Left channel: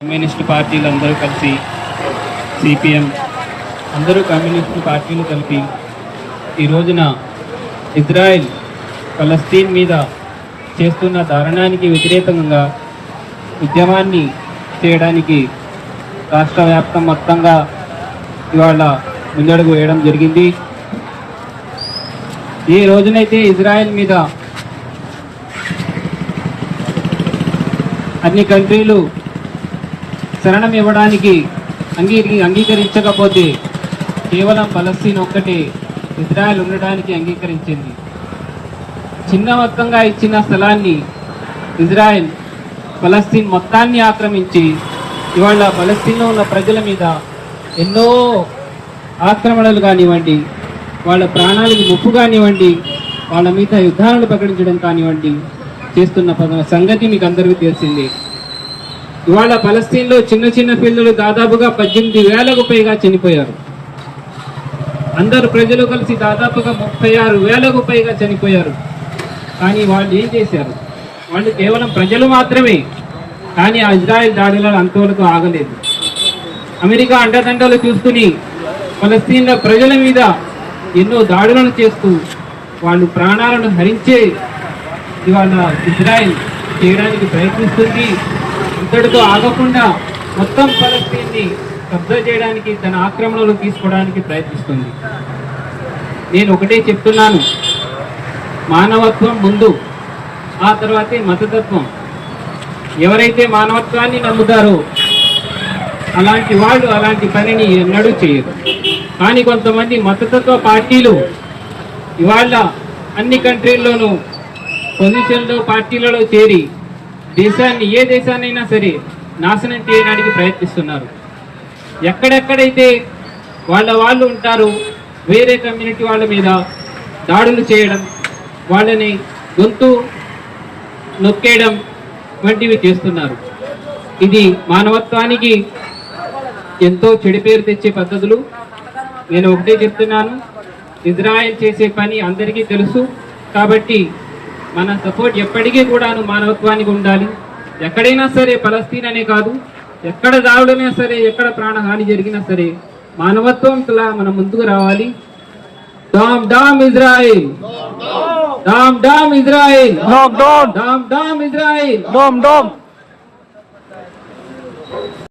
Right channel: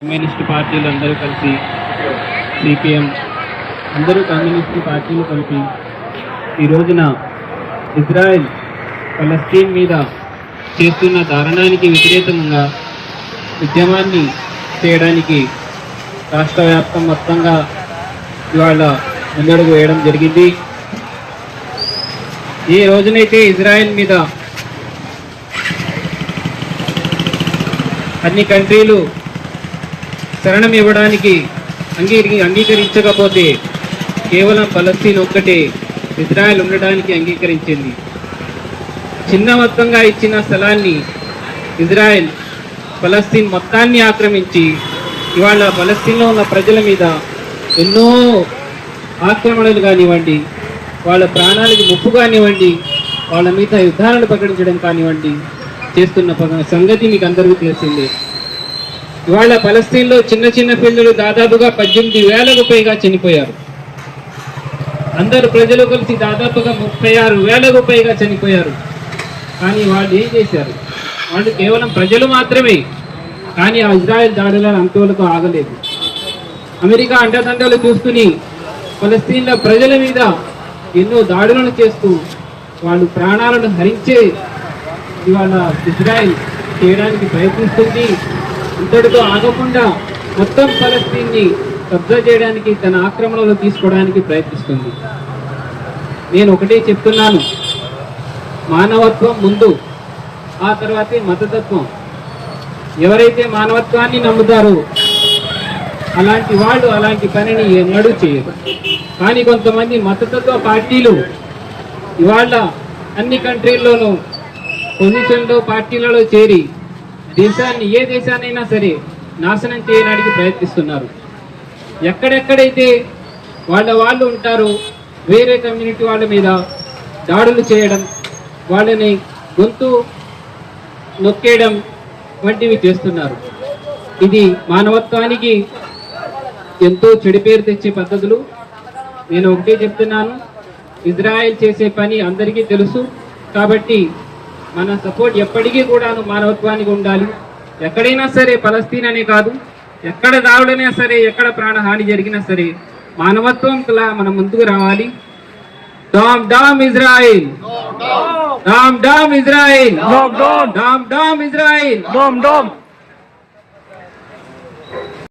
Communist పార్టీలు అందరూ కలిసి సిపిఎం అందరూ కమ్యూనిస్ట్ పార్టీలు కలిపి ఈ రోజున ఇజ్రాయెల్ ఫలస్తీన్ మీద చేస్తున్న దారుణానికి వ్యతిరేకంగా ఉద్యమాన్ని చేయడానికి రాష్ట్ర వ్యాప్తం మొత్తంగా ఇవాళ ముందడుగు వేయడం జరిగింది. ఈ రోజునైతే ఇజ్రాయెల్ మీద అన్ని కంట్రీలు శరణం ఇవ్వడానికి అంగీకరించకపోతే కేవలం ఫలస్తీన్ ఒక్కటే ఇజ్రాయెల్ ఉండడానికి అంగీకరించింది. చిన్న మొత్తంగా ఇచ్చిన స్థలాన్ని ఇజ్రాయెల్ ఫలస్తీన్ మొత్తాన్ని ఆక్రమించి ఇవాళ ఫలస్తీన్లో ఉన్న ప్రజల మీద ఎన్నో ఆక్రమణలు కానివ్వండి, వాళ్ళ ప్రాణాలకు ముప్పు కానివ్వండి, వాళ్ళ మీద యుద్ధాలను ప్రకటించడం కానివ్వండి చేస్తున్న సంగతి మీకు అందరికీ తెలిసిందే. ఇవాళ ఫలస్తీన్లో చిన్న చిన్న పిల్లలు దాదాపుగా 18,000కు పైగా చనిపోయారు. అందరు ప్రజలు కలిసి దాదాపుగా 36,000కు పైగా చనిపోయారు. కానీ వాళ్ళు ఏం చేశారు? వాళ్ళు కేవలం ప్రజలు మాత్రమే. కానీ ఆ ఇజ్రాయెల్ దాడులను అంతవరకు ఆగలేదు. అమెరికా అండదండలు చూసుకుని ఫలస్తీన్ల ప్రజల మీద ఎన్నో దాడులను చేస్తూ వాళ్ళు ప్రాణాలను హరించే ఇవాళ ఇజ్రాయెల్ చేయడానికి ప్రయత్నిస్తుంది. ఇంతటితో ఆగకుండా మొత్తం ఫలస్తీన్ని కబ్జా చేయడానికి, తన ఆక్రమణలో తీసుకోవడానికి ప్రయత్నిస్తుంది. నేను ఒకటే చెప్తున్నాను, మానవత్వం ముందు, ఆ తర్వాతే మతతత్వం. ఎవరైతే మానవత్వాన్ని నమ్ముతారో అలాంటి వాళ్ళు అలాంటి పనిని ఎన్నడూ చేయరు. కానీ కొంతమంది మతతత్వ పార్టీలు ఇవాళ అన్ని కంట్రీల్లోనూ పొజిషన్లో పార్టీలలో చేరి దేశాన్ని, ఏ దేశాన్నైనా సరే నాశనం చేయడానికి ప్రయత్నిస్తున్నారు. ఎక్కడెక్కడైతే వాళ్ళు ఉంటారో వేరే కమ్యూనిటీ వాళ్ళ మీద దాడులు చేయడం, వాళ్ళని గొంతు నొక్కేయడం వంటివి చేస్తున్నారు. ఇది మానవత్వానికి ఎంతో చెడు పేరు తెచ్చే పద్ధతులు. నేను ఒకటే చెప్తున్నాను, ఇజ్రాయెల్ చేసే పని అందరికీ తెలుసు. కాబట్టి మన సపోర్ట్ ఎప్పటికీ కూడాను మానవత్వానికి ఉండాలి. ఎక్కడైనా సరే, ఫలస్తీన్ అనే కాదు, ఎక్కడ దాడులైనా సరే, ఎక్కడ ప్రాణహాని జరిగినా సరే మానవత్వంలా మనం ముందుకు రావాలి. Down down Israel, down down Israel, down down Israel, down dam.